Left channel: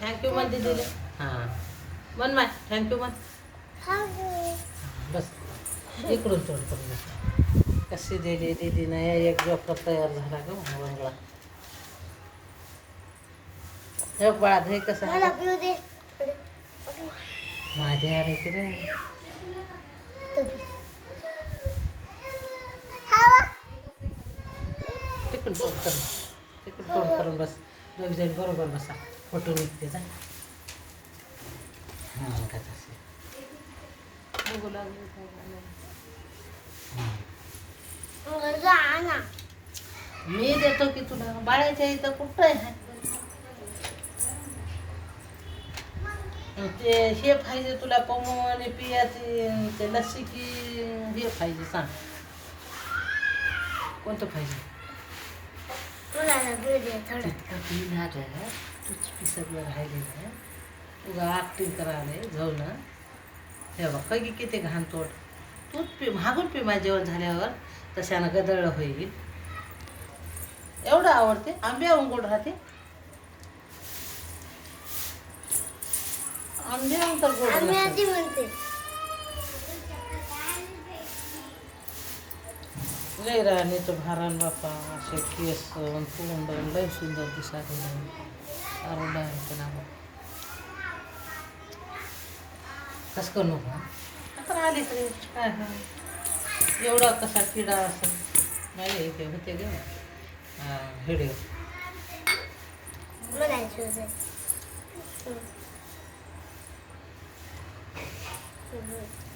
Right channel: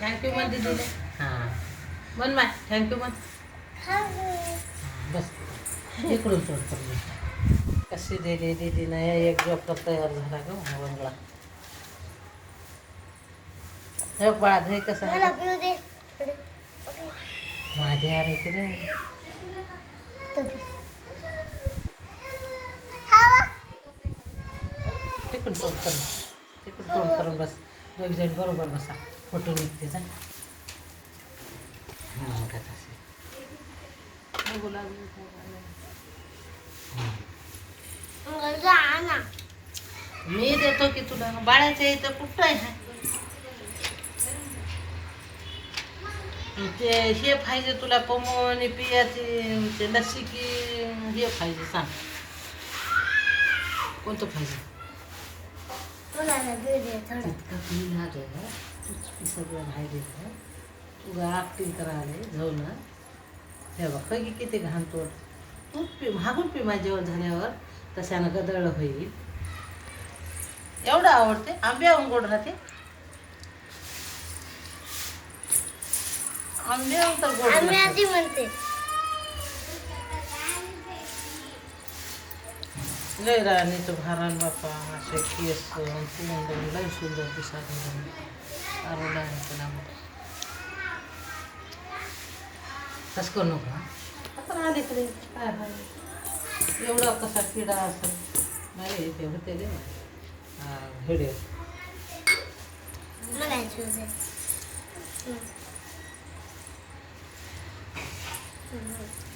Thank you म्हण दीदीला. हां म्हण माय थँक्यू म्हण. बस इकडून तोड करून कशी दिली दीदीनं एक जोकर तयार झाला ग बंगला. हे बाळा हे कसं आहे माझे अरे की रे तिकडून तोड करून तिकडून तोड करून बस दोघ जण बरोबर बसा फोटो निघते जा. हां का तसे मी देतो की तुला बाळाच्या इथं कुठं आहे ते हे पाहिजे तुला पमोने पियाचे ते लस्सी की हे पाहिजे सांग कोणतं पाहिजे. तितका पी ना तूच पी सगळं राहिलेलं तुझं ॲक्टिंग करायला जाऊ ना तेव्हा काही किती घाण तोड तूच पी मागून पी माझ्यावर झाल्यावर तशानं गदळ होईल. एवढं आवडते आंब्या गोड राहते आंब्या तर गोड म्हणते. लय राणीचं भारण बापा असे केस तोंड लय सुंदर दिसायला कसं करू नको आता आली तरी काय एवढा कसा किडा असं नाही ते होते गे व्हिडिओ.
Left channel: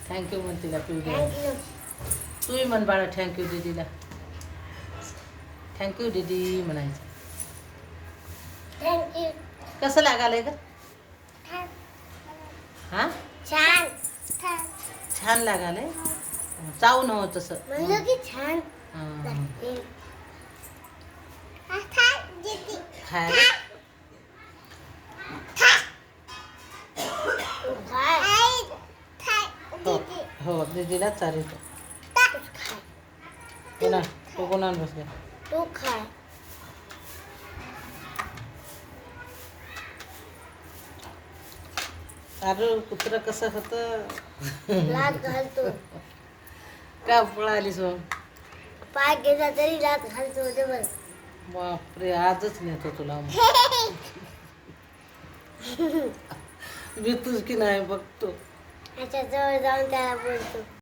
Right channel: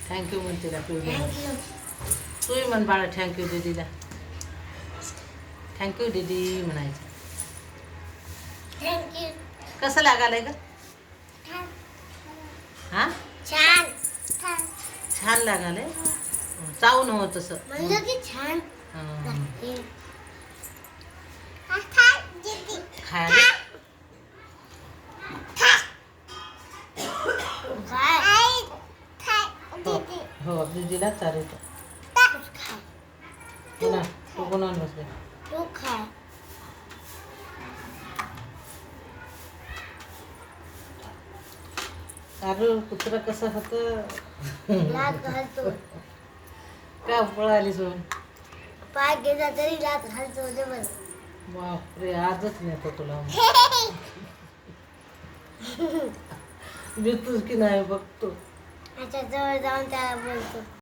थँक्यू म्हणते का तू तूही म्हण बाळा थँक्यू दीदीला. थँक्यू दीदी म्हणायचं. कसं लागालंय ग हां छान लागालंय चावू नव तसं छान हो दीदीला चालेल कोणा तो कोणा बसल्या तू खा. अरे कुत्र कसं होतं लात घालतो का पळाली सोन पाय गेला तरी लात घालतो बापरे आजच नेतो तुला मी तुझ की नाही बघतो त्याच्या जवळ जाऊन त्याला बोलतो.